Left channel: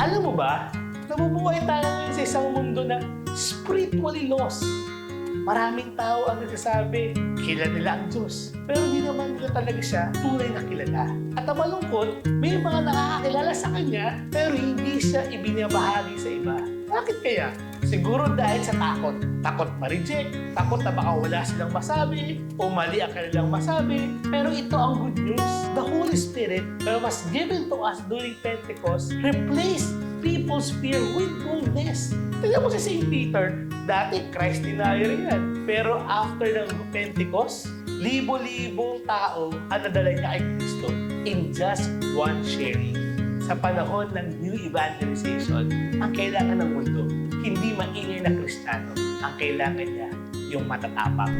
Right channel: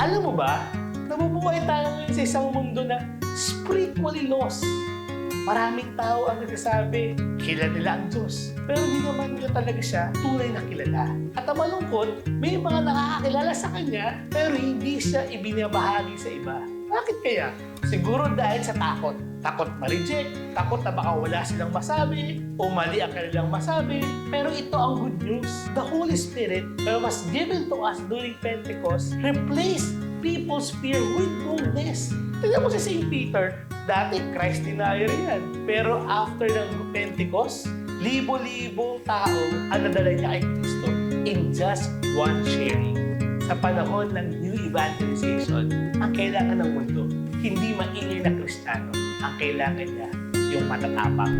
Alam mo ba, nabubuhay tayo ngayon sa isang mundo na spiritually lost. Maraming tao ang nagsasabi, kilala nila ang Diyos. Pero di naman nila talaga siya tunay na kilala. At ang malungkot, may mga nakakakilala sa Kanya, pero hindi siya ibinabahagi sa iba. Bakit kaya? Siguro dahil sa takot. Takot ma-reject, takot na baka wala silang masabi, o mali ang kanilang masabi. Pero ito ang good news. The Holy Spirit was given to us during Pentecost, replaced people's fear with boldness. Tignan mo si St. Peter, dati Christ denier yan. Pero after ng Pentecost, libo-libong tao ang nadala niya kay Kristo in just one sharing. Sa panahon ng new evangelization, ang kailangan ng mundo, hindi maingay na Kristiyano. Ang kailangan niya, yung matatapang.